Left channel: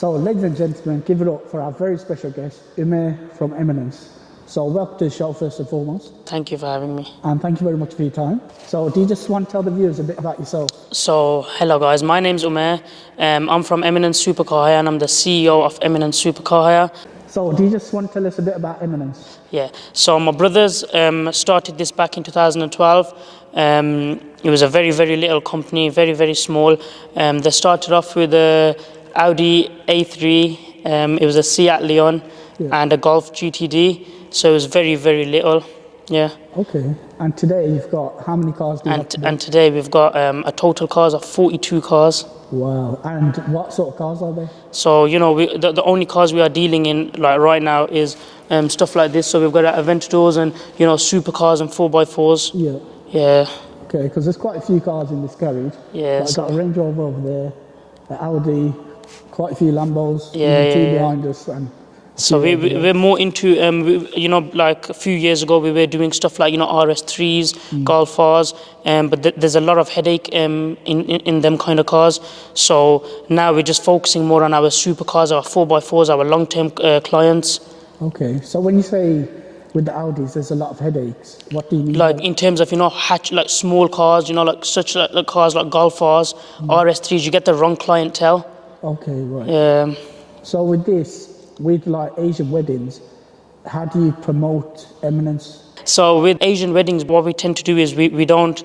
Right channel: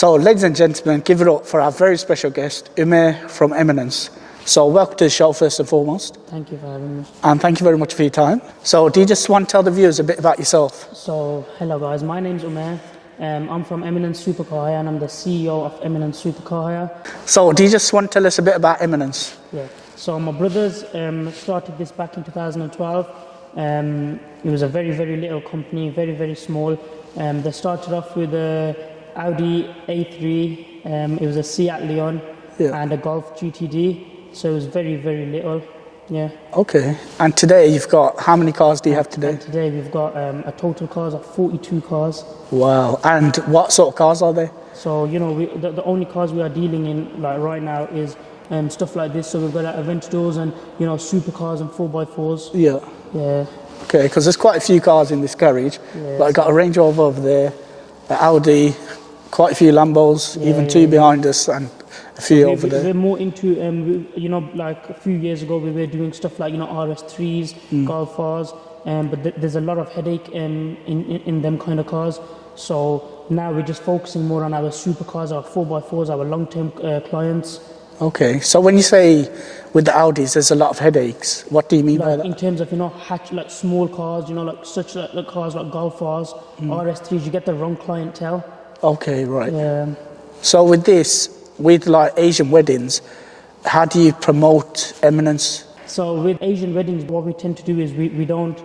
So, ladies and gentlemen, give it up for our very special guest, Umer from Eminence. So, welcome to the show first and foremost. Thank you for having me. And thank you very much for your time. So, do you just want to tell the viewers a bit about yourself? So, hello guys, my name's Umair. I'm from Eminence Supercar and I'm the CEO of Eminence Supercar. So, do you just want to tell us a bit about Eminence? Yeah, so my brothers started this back in 2012. It was a very, very little company, very, very small. They started off with a Audi A3, it was a Seat Leon and a Golf GTD. So it was very, very little, yeah. Okay, and today you've got, how many cars do you have today? And today we've got a total cars of 42 cars. Wow, and what sort of cars are they? So, you know, the only cars we are dealing in like right now is stuff like this. So we've got Aventadors and, you know, supercars and 4x4s. Yeah. Yeah. Okay, because there's quite a few cars in this garage. Yeah. Like I've got a Range Rover over there, an Audi, quite a few Lambos, even two behind us, and so we're more into, you know, like a few years ago we were doing stuff like, you know, RS3s, Golf Rs, but there's a lot of headache in them kind of cars. So now we're just focusing more on our supercars, our 4x4s, our long-term clients. Okay, so when you say with the Audis there's a lot of headaches, what do you mean by that? In terms of, you know, like small cars, you know, like such like cars like Golf Rs, RS3s, you get the wrong clientele. Okay, right. Yeah. So with this, with like Asian weddings, how do you promote Eminence? So with Asian weddings, what we tend to do is we don't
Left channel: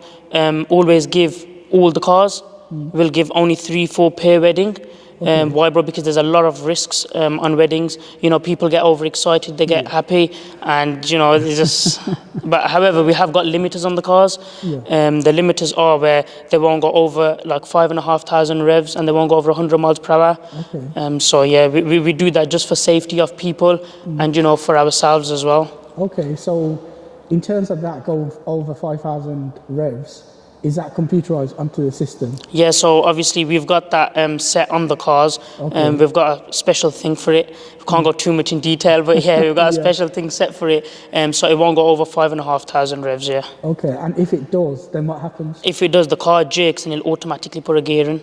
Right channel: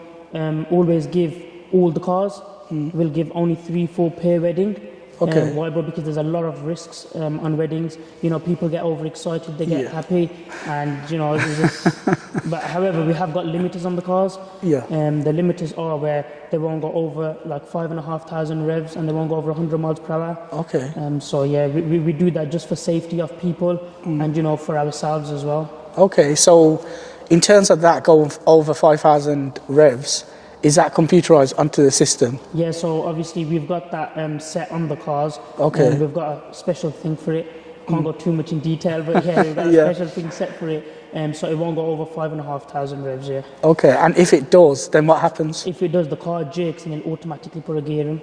always give all the cars. We'll give only 3-4 per wedding. Okay. Why, bro? Because there's a lot of risks on weddings. You know, people get overexcited, they get happy, and you know, it's just. But however, we have got limiters on the cars. Yeah. The limiters are where they won't go over like 5,500 revs, and they won't go over 100 miles per hour. Okay. So yeah, we do that just for safety of people, and you know, for ourselves as well. Okay, so in terms of that going over 5,000 revs, is that computerized onto the system? Yeah, so obviously we've got that set on the cars. Okay. We've got a special thing for it. We can't go too much in detail, but yeah, we've got a special thing set for it. So it won't go over 5,500 revs, yeah. Okay, and if it does, then what happens? If it does, the car jerks and it'll automatically put a gear in.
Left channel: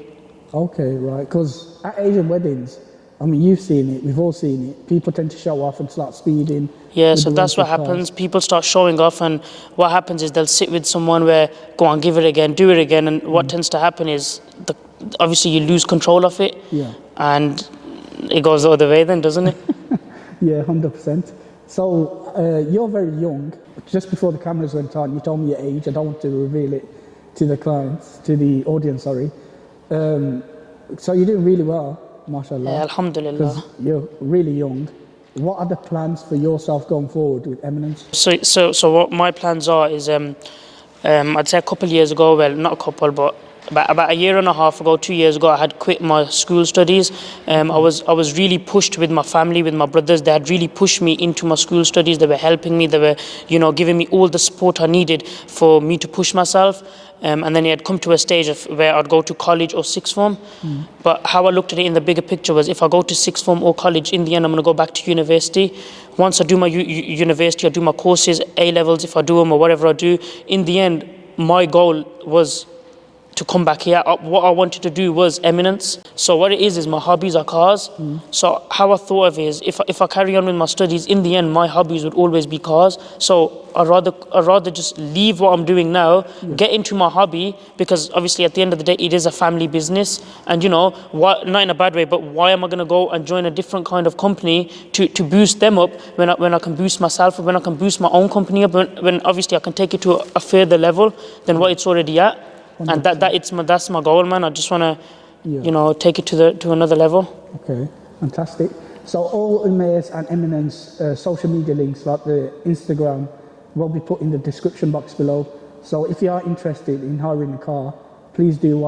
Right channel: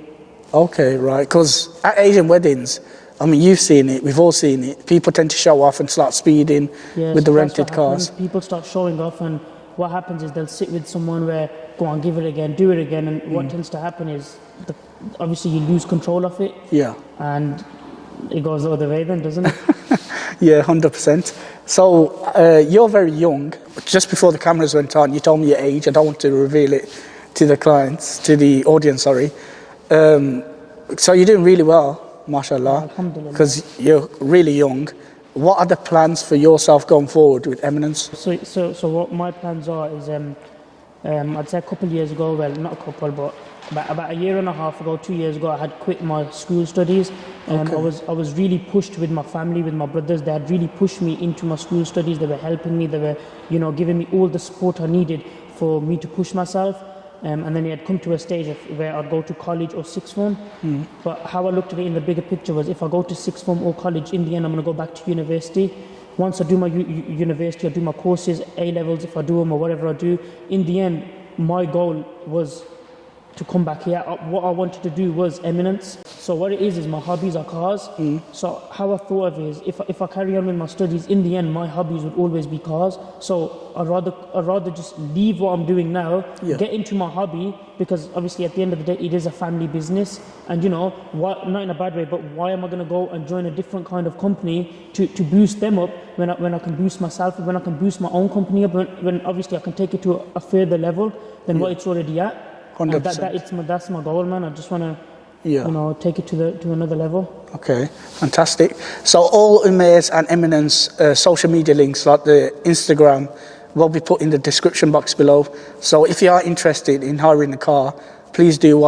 Okay, right, because at Asian weddings, I mean, you've seen it, we've all seen it. People tend to show off and start speeding with the rented cars. That's what happens. People start showing off, and what happens is they'll sit with someone where, go on, give it again, do it again, and what tends to happen is, obviously you lose control of it. Yeah. And it goes the other way then, doesn't it? Yeah, 100%. So you're very young. Just before the cameras went on, you told me your age. I don't want to reveal it to the clients, to the audience, sorry. So you're doing really well. MashaAllah. Yeah, alhamdulillah. Because you're really young. What are the plans for yourself going forward with Eminence? So what my plans are is, I'd say a couple of years ago, well, not a couple, but about a year and a half ago, 2 years ago, I had quit my school studies. I was really pushed with my family, with my brothers. They had really pushed me into my school studies. They were helping me. They were, you know, giving me all the support I needed for me to push myself. And then it had come to a stage of where I'd go to college or sixth form. But how I looked at it in the bigger picture was, if I go to sixth form or college, in the end I'm going to go back to university. Once I do my university, I do my courses, A-levels, if I do them or whatever I do, in the end, my goal was to come back here. What I wanted to do was Eminence. So what it is my hobbies are cars. So how I thought of it is, if I carry on with my studies, in the end my hobbies would always be cars. So I'd rather just leave what I'm doing now, get into my hobby, because obviously at the end of the day it is a family business. And you know, not in a bad way, but why am I going to go and join a different kind of company to boost them up when I can boost myself, when I can boost my own company up, when obviously I can take it to a further level than what it's already at. 100%. And that's my goal, man. I just want to, you know, take it to another level. Okay, fantastic. So all Umair's and Eminence social media links, like the Instagram, will be put in the description box below. So if you are interested in hiring a car, please do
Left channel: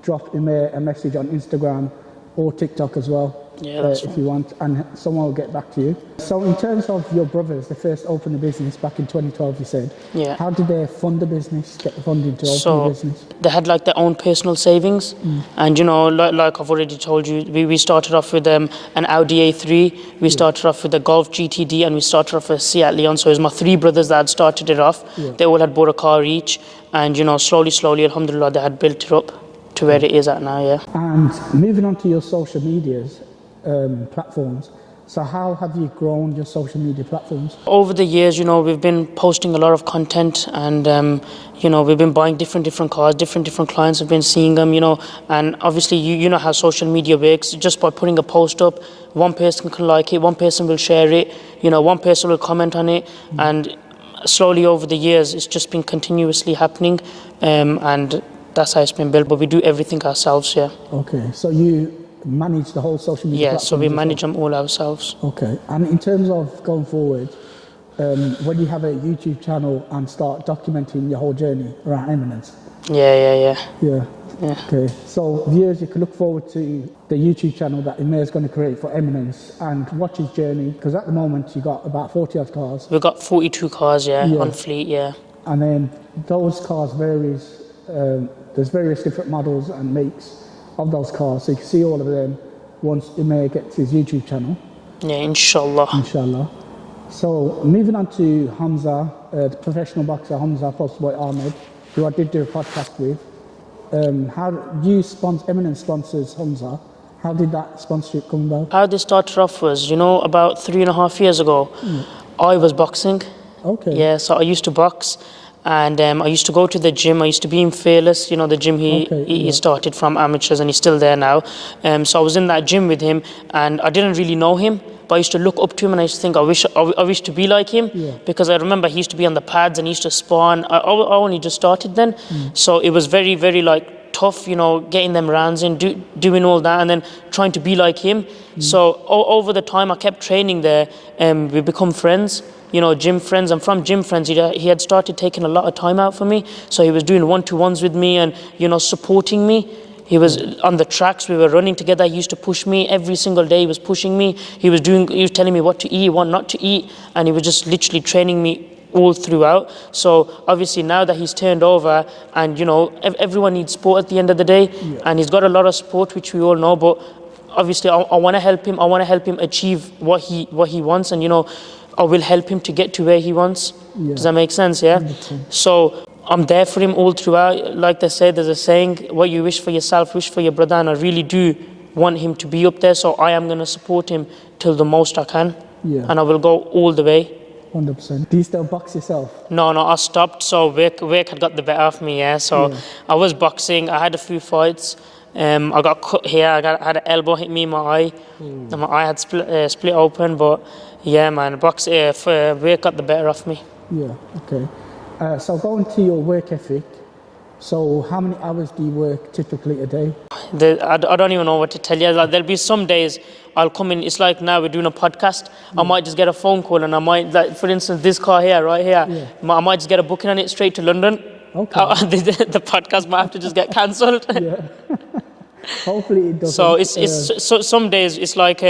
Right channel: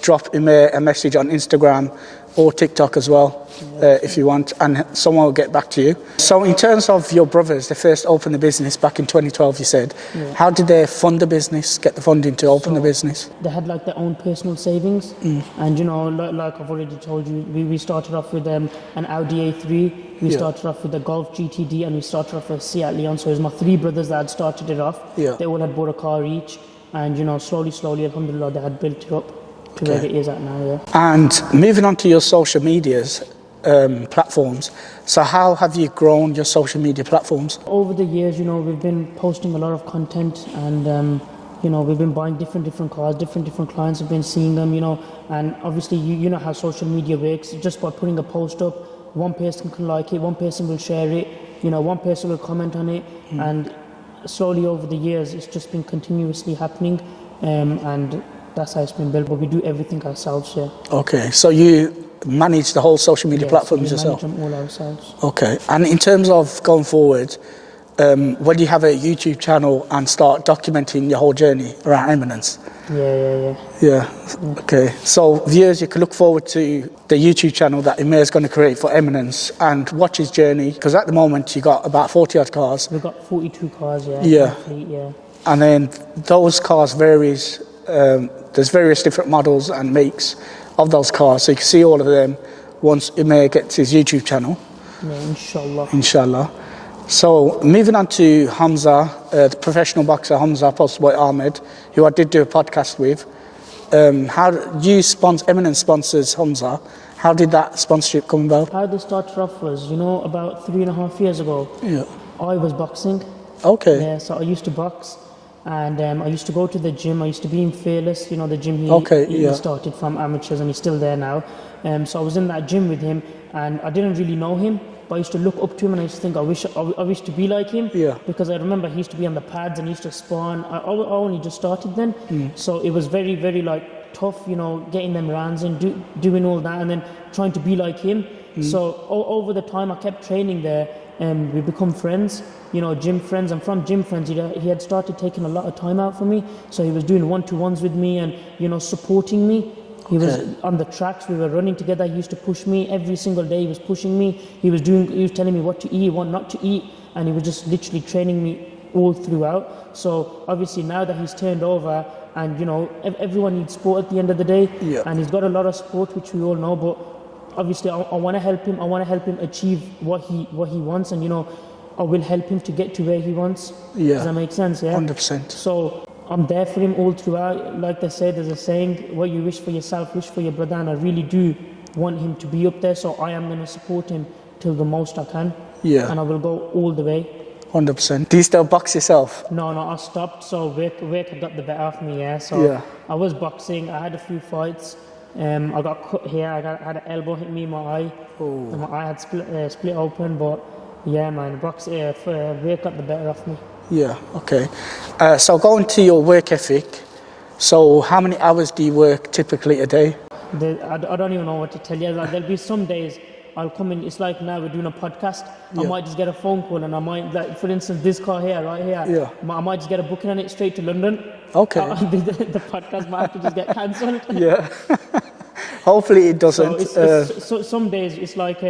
drop Umair a message on Instagram or TikTok as well, if you want, and someone will get back to you. So in terms of your brothers, they first opened the business back in 2012, you said. Yeah. How did they fund the business, get the funding to open the business? They had like their own personal savings. And you know, like I've already told you, we started off with an Audi A3, we started off with a Golf GTD, and we started off with a Seat Leon. So it was my three brothers that had started it off. They all had bought a car each, and you know, slowly, alhamdulillah, they had built it up to where it is at now, And moving on to your social medias, platforms. So how have you grown your social media platforms? Over the years, we've been posting a lot of content, and we've been buying different cars, different clients have been seeing them, and obviously you know how social media works. Just by putting a post up, one person can like it, one person will share it, one person will comment on it, and slowly over the years it's just been continuously happening, and that's how it's been built. But we do everything ourselves, yeah. Okay, so you manage the whole social media platforms so we yourself? manage them all ourselves. Okay, and in terms of going forward, when you have a YouTube channel and start documenting your whole journey around Eminence? Yeah. Okay, so viewers, you can look forward to the YouTube channel that Umair is going to create for Eminence and watch his journey, because at the moment you got about 40 odd cars. We've got 42 cars, on fleet, yeah. And then those cars varies, there's various different models and makes of those cars, so you can see all of them once Umair gets his YouTube channel. Yeah, inshallah. Inshallah. So moving on to Hamza, the professional boxer Hamza, posted by Ahmed, who I did do a podcast with. Eminence sponsors Hamza. How did that sponsorship come about? How this started off was, about 3.5 years ago, I was boxing. Okay. Yeah, so I used to box, and I used to go to the gym. I used to be in Fearless, the gym he started from amateurs, and he's still there now. So I was in that gym with him, and I didn't really know him, but I used to look up to him, and I used to think, I wish to be like him, because I remember he used to be on the pads and he used to spawn. I only just started then, so it was very, very tough, getting them rounds in, doing all that, and then trying to be like him. So over the time I kept training there, and we become friends, gym friends, and from gym friends he had started taking a lot of time out for me. So he was doing one-to-ones with me and supporting me. He was on the tracks, we were running together. He used to push me every single day. He was pushing me. He was telling me what to eat, what not to eat, and he was just literally training me all throughout. So obviously now that he's turned over, and everyone needs sport at the end of the day, and he's got a lot of sport, which we all know, but obviously I want to help him. I want to help him achieve what he wants, and I will help him to get to where he wants. Does that make sense? Yeah, 100%. So I'm there for him all throughout. Like they say, there's a saying, what you wish for yourself, wish for your brother, and I really do want him to be up there, so I am going to support him till the most I can, and I will go all the way. 100%. Do you still box yourself? No, I stopped. So work had got the better of me, So I was boxing. I had a few fights. I got cut here. I had an elbow hit me in my eye. And my eye had split open. But yeah, man, work got the better of me. Yeah, okay. So going to your work ethic, so how many hours do you work typically a day? I don't even know what to tell you. There'll be some days I'll come in, it's like now we're doing a podcast, I might just get a phone call, and I might, for instance, this car here, right here, I might just get a booking on it straight to London. Okay. The podcast might have to just get cancelled. Yeah. Hopefully it doesn't. So some days it's like,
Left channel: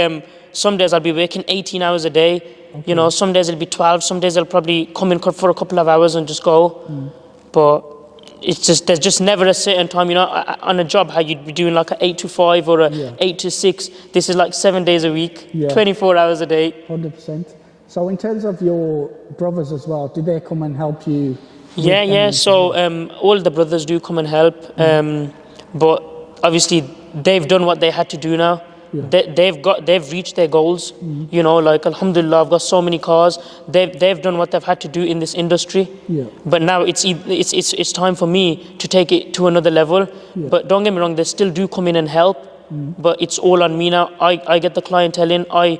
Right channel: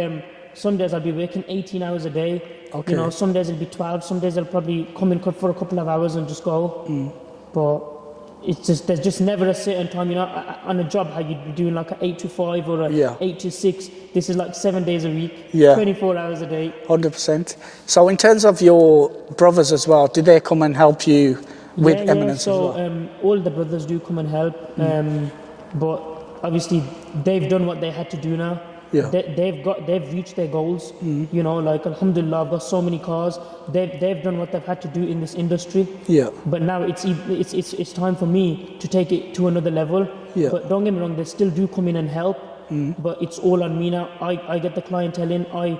some days I'll be working 18 hours a day. Okay. Some days it'll be 12, some days I'll probably come in for a couple of hours and just go. But there's just never a certain time, on a job how you'd be doing like an 8 to 5 or a 8 to 6. This is like 7 days a week, 24 hours a day. 100%. So in terms of your brothers as well, do they come and help you with Eminence So as well? all the brothers do come and help, but obviously they've done what they had to do now. Yeah. They've reached their goals. Like alhamdulillah, I've got so many cars. They've done what they've had to do in this industry. Yeah. But now it's time for me to take it to another level. Yeah. But don't get me wrong, they still do come in and help. But it's all on me now. I get the clientele in. I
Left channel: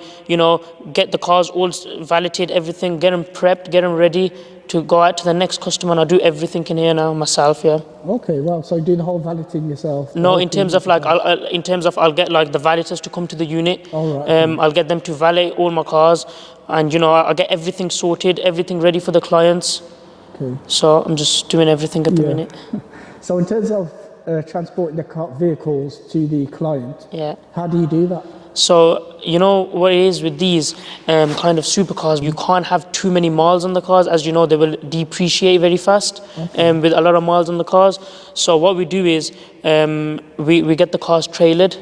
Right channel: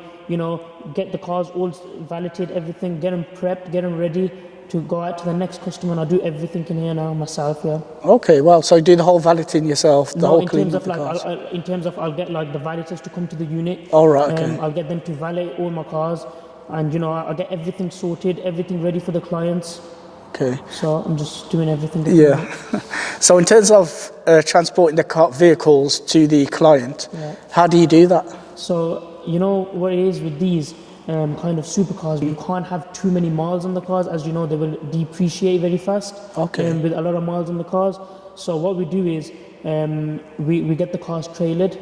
get the cars all validated, everything, get them prepped, get them ready to go out to the next customer, and I do everything in here now myself. Okay, well, so you do the whole valeting yourself? No, in terms of I'll get like the valeters to come to the unit. All right. Okay. I'll get them to valet all my cars, and I get everything sorted, everything ready for the clients. Okay. So I'm just doing everything at the minute. So in terms of transporting the vehicles to the client, how do you do that? So what it is with these kind of supercars, you can't have too many miles on the cars. As you know, they will depreciate very fast. Okay. With a lot of miles on the cars. So what we do is we get the cars trailered.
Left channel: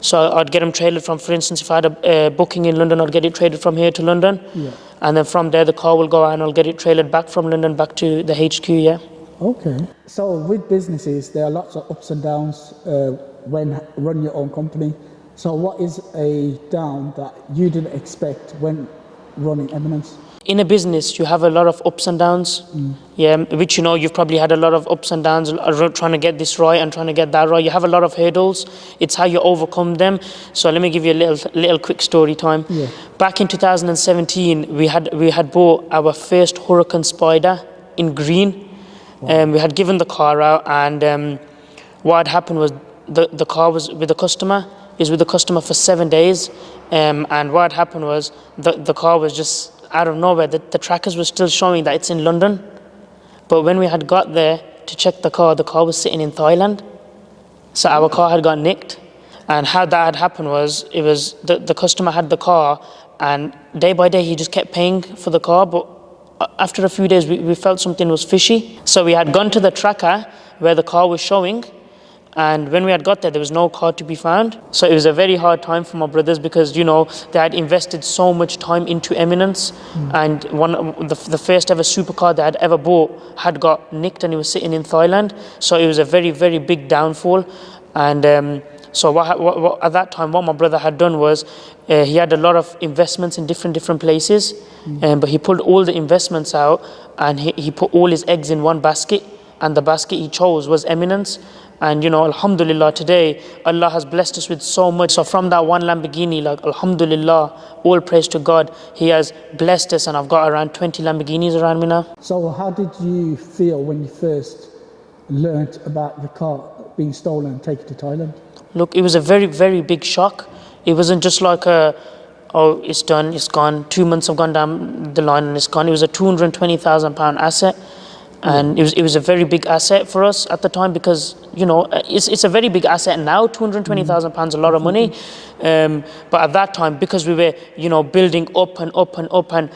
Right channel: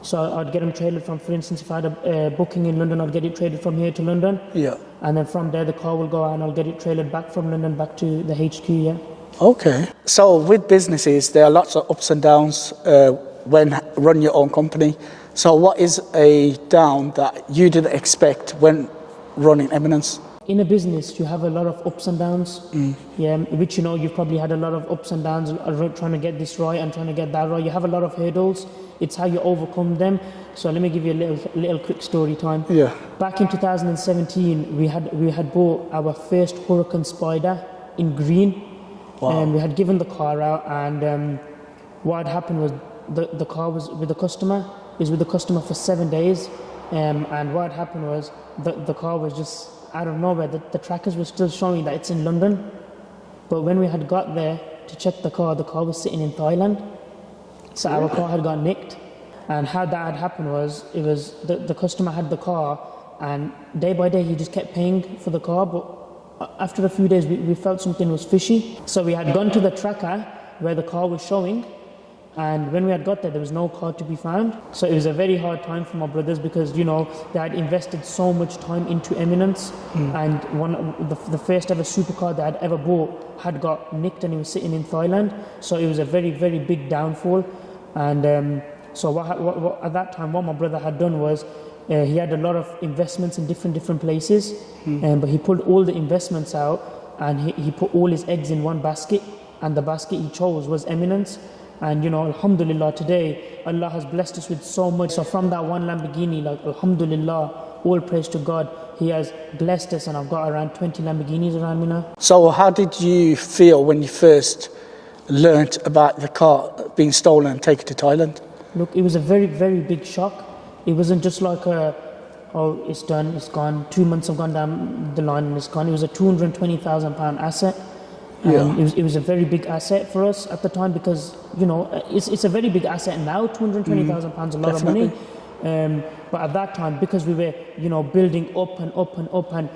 So I'd get them trailered from, for instance, if I had a booking in London, I'd get it trailered from here to London. Yeah. And then from there, the car will go out and I'll get it trailered back from London back to the HQ, Okay. So with businesses, there are lots of ups and downs when run your own company. So what is a down that you didn't expect when running Eminence? In a business, you have a lot of ups and downs. Yeah, which you've probably had a lot of ups and downs, trying to get this right and trying to get that right. You have a lot of hurdles. It's how you overcome them. So let me give you a little quick story time. Yeah. Back in 2017, we had bought our first Huracan Spider in green. Wow. We had given the car out, and what had happened was the car was with the customer. Is with the customer for 7 days, and what had happened was the car was just out of nowhere. The trackers were still showing that it's in London, but when we had got there to check the car was sitting in Thailand. So our car had got nicked, and how that had happened was the customer had the car, and day by day he just kept paying for the car, but after a few days we felt something was fishy. So we had gone to the tracker where the car was showing, and when we had got there was no car to be found. So it was a very hard time for my brothers, because they had invested so much time into Eminence, and the first ever supercar they had ever bought had got nicked, and it was sitting in Thailand. So it was a very, very big downfall. And so what at that time, what my brother had done was he had a lot of investments in different places, but he pulled all the investments out, and he put all his eggs in one basket, and the basket he chose was Eminence. And alhamdulillah, today Allah has blessed us with so much. So from that one Lamborghini, alhamdulillah, all praise to God, He has blessed us, and I've got around 20 Lamborghinis around me now. So how did you feel when you first learnt about the car being stolen and taken to Thailand? Look, it was a very, very big shock. It wasn't just like it's done, it's gone. 2 months have gone down the line and it's gone. It was a £220,000 asset. And it was a very big asset for us at the time, because it's a very big asset now. £220,000 a lot of money, but at that time, because we were building up and up and up, and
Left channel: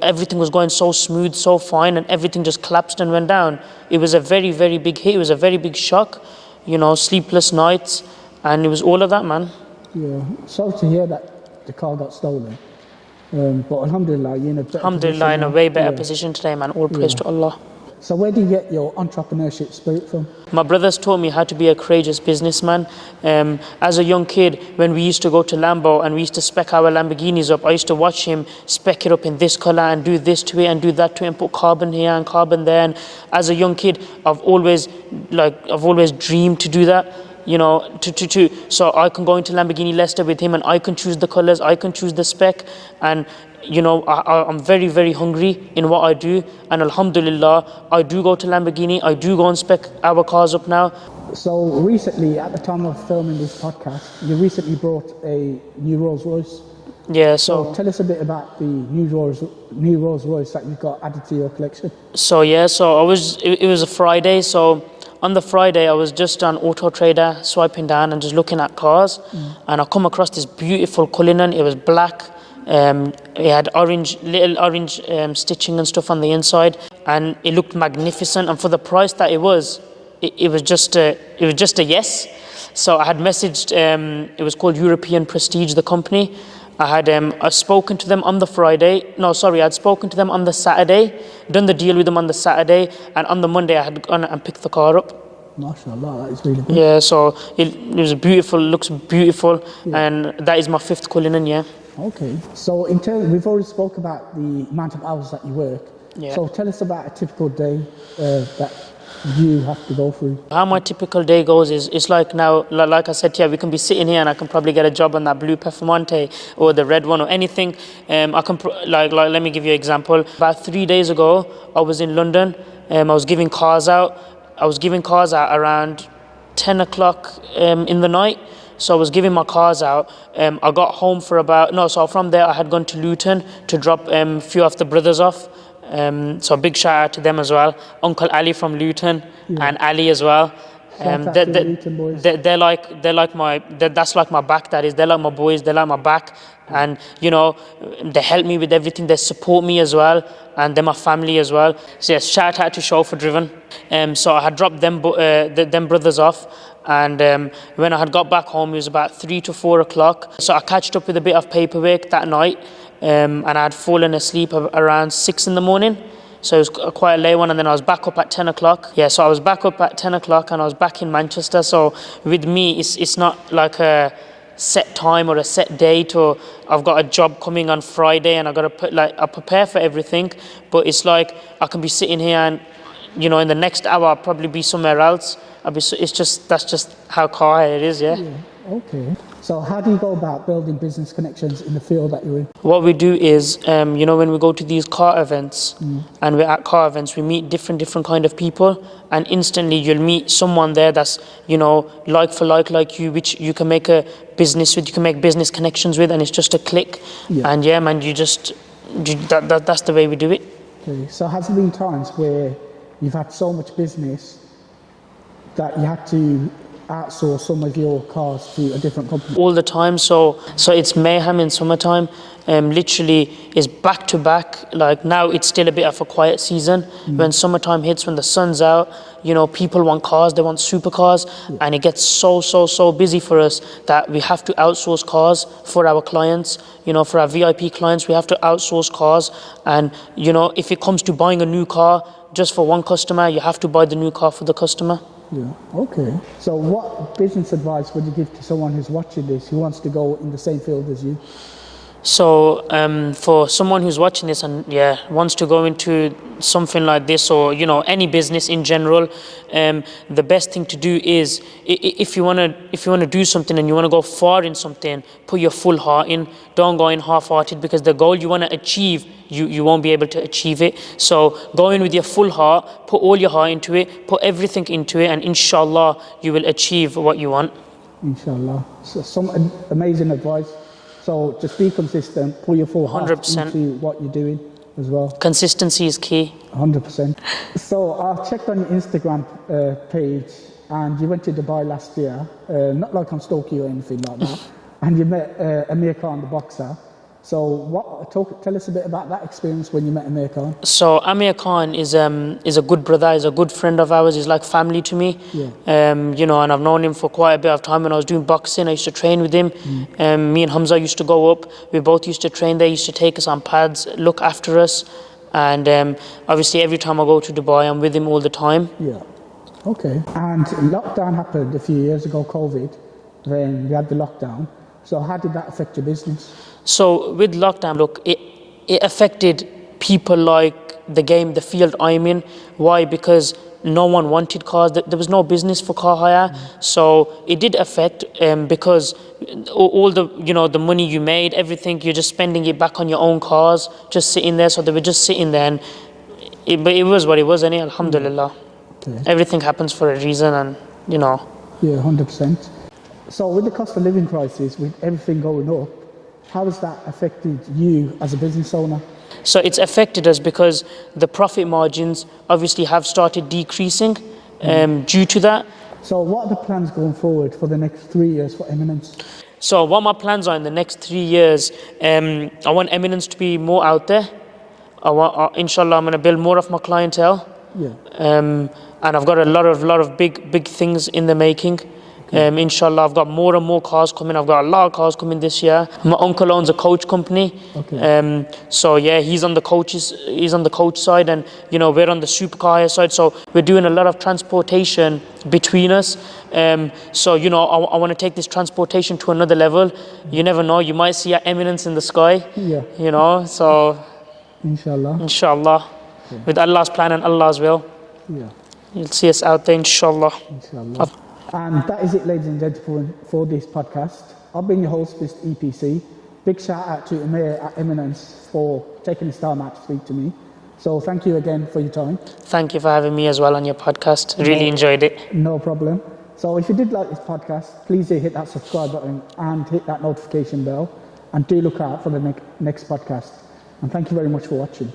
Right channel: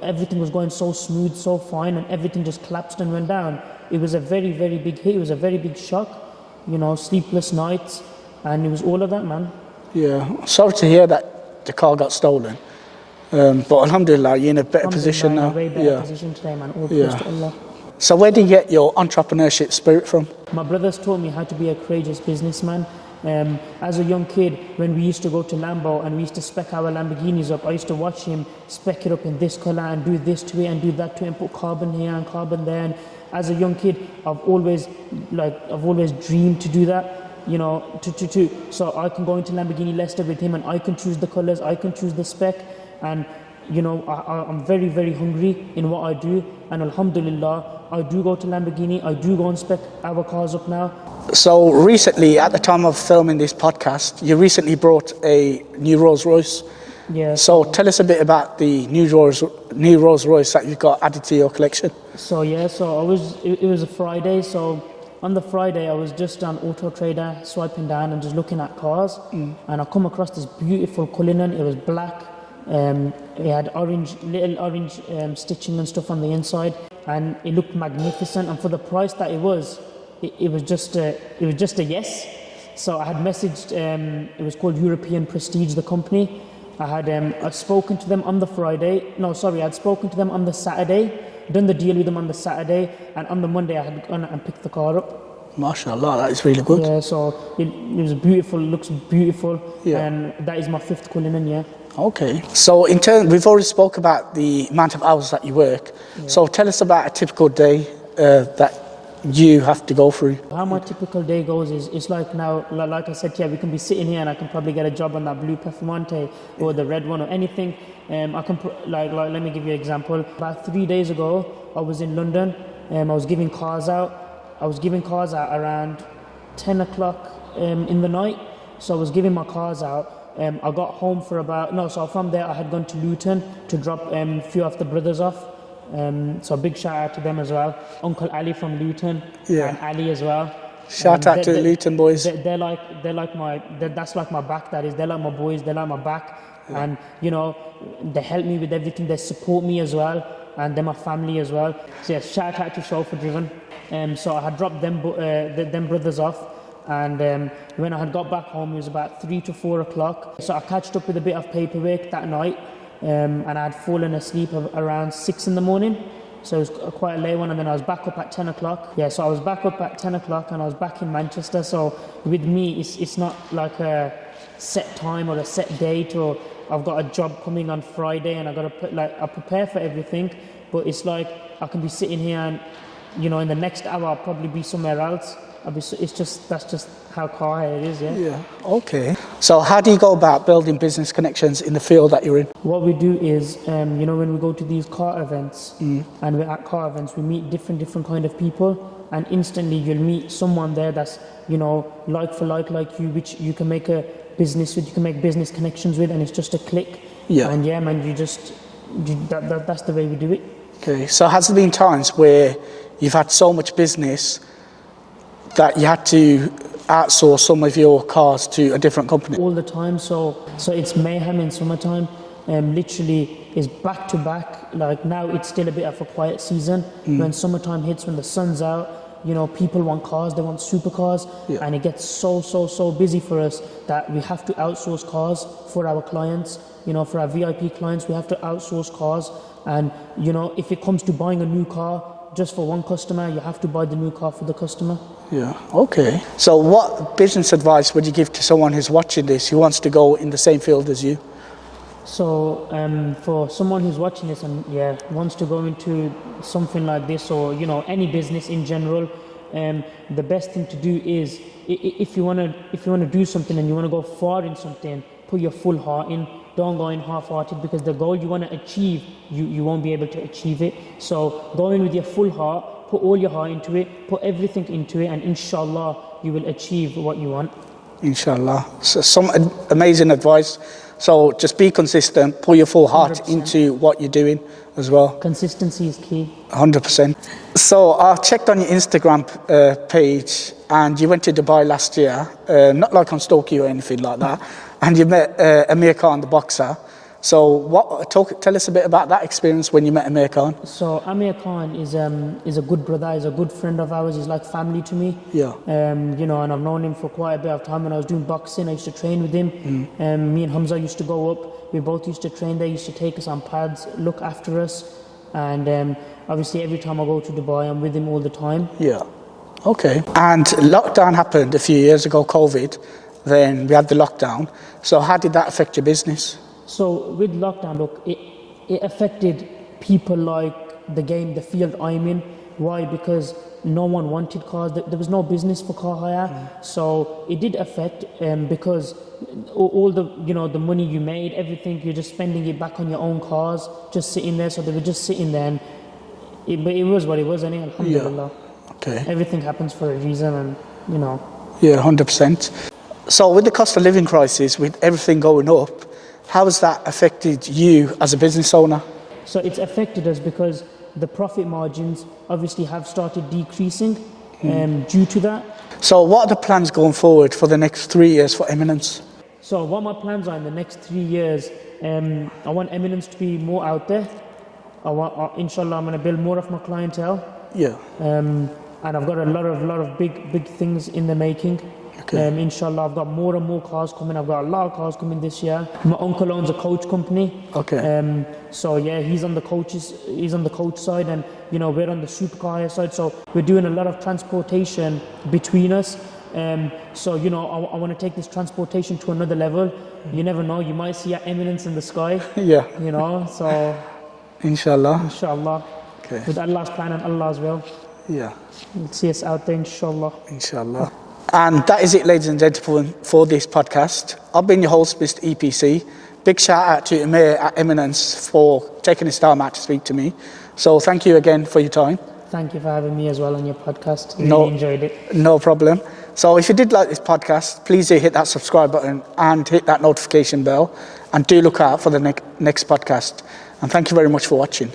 everything was going so smooth, so fine, and everything just collapsed and went down. It was a very, very big hit. It was a very big shock. Sleepless nights, and it was all of that, man. Yeah, sorry to hear that the car got stolen. But alhamdulillah, you're in a better position now. In a way better position today, man. All praise to Allah. So where did you get your entrepreneurship spirit from? My brothers taught me how to be a courageous businessman. As a young kid, when we used to go to Lambo and we used to spec our Lamborghinis up, I used to watch him spec it up in this color and do this to it and do that to it and put carbon here and carbon there. And as a young kid, I've always dreamed to do that. So I can go into Lamborghini Leicester with him, and I can choose the colors, I can choose the spec, and I'm very, very hungry in what I do, and alhamdulillah, I do go to Lamborghini, I do go and spec our cars up now. So recently, at the time of filming this podcast, you recently brought a new Rolls Royce. Yeah. So tell us a bit about the new Rolls Royce that you got added to your collection. So it was a Friday, so on the Friday, I was just on Auto Trader, swiping down and just looking at cars, and I come across this beautiful Cullinan. It was black. It had little orange stitching and stuff on the inside, and it looked magnificent. And for the price that it was just a yes. So I had messaged. It was called European Prestige, the company. I'd spoken to them on the Friday. No, sorry, I'd spoken to them on the Saturday, done the deal with them on the Saturday, and on the Monday I had gone and picked the car up. MashaAllah, that is really good. Yeah, so it was beautiful, looks beautiful, and that is my 5th Cullinan, yeah. Okay. So we've already spoke about the amount of hours that you work. Yeah. So tell us about a typical day that you have to go through. How my typical day goes is, it's like now, like I said, we can be sitting here and I can probably get a job on that blue Performante or the red one or anything. I can let me give you an example. About 3 days ago, I was in London. I was giving cars out. I was giving cars out around 10 o'clock in the night. So I was giving my cars out. I got home so from there I had gone to Luton to drop a few of the brothers off. So a big shout out to them as well. Uncle Ali from Luton and Ali as well. Shout out to the Luton boys. They're like that's like my back. That is, they're like my boys. They're like my back, and they help me with everything. They support me as well, and they're my family as well. So yes, shout out to Chauffeur Driven. So I had dropped them brothers off. And when I had got back home, it was about 3 to 4 o'clock. So I catched up with a bit of paperwork that night. And I had fallen asleep around 6 in the morning. So it was quite a late one, and then I was back up at 10 o'clock. Yeah, so I was back up at 10 o'clock and I was back in Manchester. So with me, it's not like set time or a set date, or I've got a job coming on Friday and I got to I prepare for everything. But it's like I can be sitting here and, in the next hour I'll probably be somewhere else. That's just how car hire it is, yeah. Yeah, okay. So how do you go about building business connections in the field that you're in? What we do is, when we go to these car events and we're at car events, we meet different kind of people, and instantly you'll meet someone there that's, like for like you, which you can make a business with, you can make business connections with, and it's just a click. Yeah. And yeah, man, that's the way we do it. Okay, so has there been times where you've had so much business that you had to outsource some of your cars to a different company? All the time. So it's mayhem in summertime. Literally is back to back. Like now it's still a bit of a quiet season. When summertime hits, when the sun's out, people want cars, they want supercars, and it gets so busy for us that we have to outsource cars for our clients. For our VIP clients, we have to outsource cars. And if it comes to buying a new car just for one customer, you have to buy the new car for the customer. Yeah, okay. So what business advice would you give to someone who's watching this, who wants to go in the same field as you? So for someone who's watching this and wants to go into something like this, or any business in general, the best thing to do is, if you want to do something and you want to go far in something, put your full heart in. Don't go in half-hearted, because the goal you want to achieve, you won't be able to achieve it. So go in with your full heart, put all your heart into it, put everything into it, and inshallah you will achieve what you want. Inshallah. So some amazing advice. So just be consistent, put your full heart 100%. into what you're doing as well. Consistency is key. 100%. So I checked on your Instagram page, and you went to Dubai last year, not like I'm stalking you or anything like that, and you met Umair Khan, the boxer. So tell us a bit about that experience when you met Umair Khan. So Umair Khan is a good brother, is a good friend of ours, he's like family to me. Yeah. And I've known him for quite a bit of time. When I was doing boxing, I used to train with him. Me and Hamza used to go up. We both used to train there. He used to take us on pads, look after us. And obviously every time I go to Dubai, I'm with him all the time. Yeah. Okay. And lockdown happened a few years ago, COVID. Then we had the lockdown. So how did that affect your business? So with lockdown, look, it affected people like the field I'm in. Why? Because no one wanted cars. There was no business for car hire. So it did affect because all the money you made, everything, you're just spending it back on your own cars, just sitting there. So they were just sitting there, and but it was what it was, and alhamdulillah. Yeah. Okay. Everything happens for a reason, and Yeah, 100%. So with the cost of living crisis, with everything going up, how has that affected you as a business owner? So it's affected us because the profit margins obviously have started decreasing due to that. So what are the plans going forward for the next 3 years for Eminence? So what my plans are in the next 3 years, I want Eminence to be more out there. Inshallah, I'm going to build more of my clientele. Yeah. And I've got a lot of big things in the making. Okay. Inshallah, I've got more and more cars coming. I've got a lot of cars coming this year. My uncle owns a coach company. Okay. So yeah, he's on the coach side, and we're on the supercar side. So we're doing a lot of transportation between us. So I want to take this transportation to another level. You never know, you might see our Eminence in the sky. Yeah. So Inshallah. Okay. With Allah's plan and Allah's will. Yeah. You'll see us out there, inshallah. Inshallah. And that is it, ladies and gentlemen, for this podcast. I've been your host, Mr. EPC. Big shout out to Umair at Eminence for taking his time out to speak to me. So thank you again for your time. Thank you for having me as well on your podcast. Really enjoyed it. No problem. So if you did like this podcast, please do hit that subscribe button and hit that notification bell. And do look out for the next podcast. And thank you very much for watching.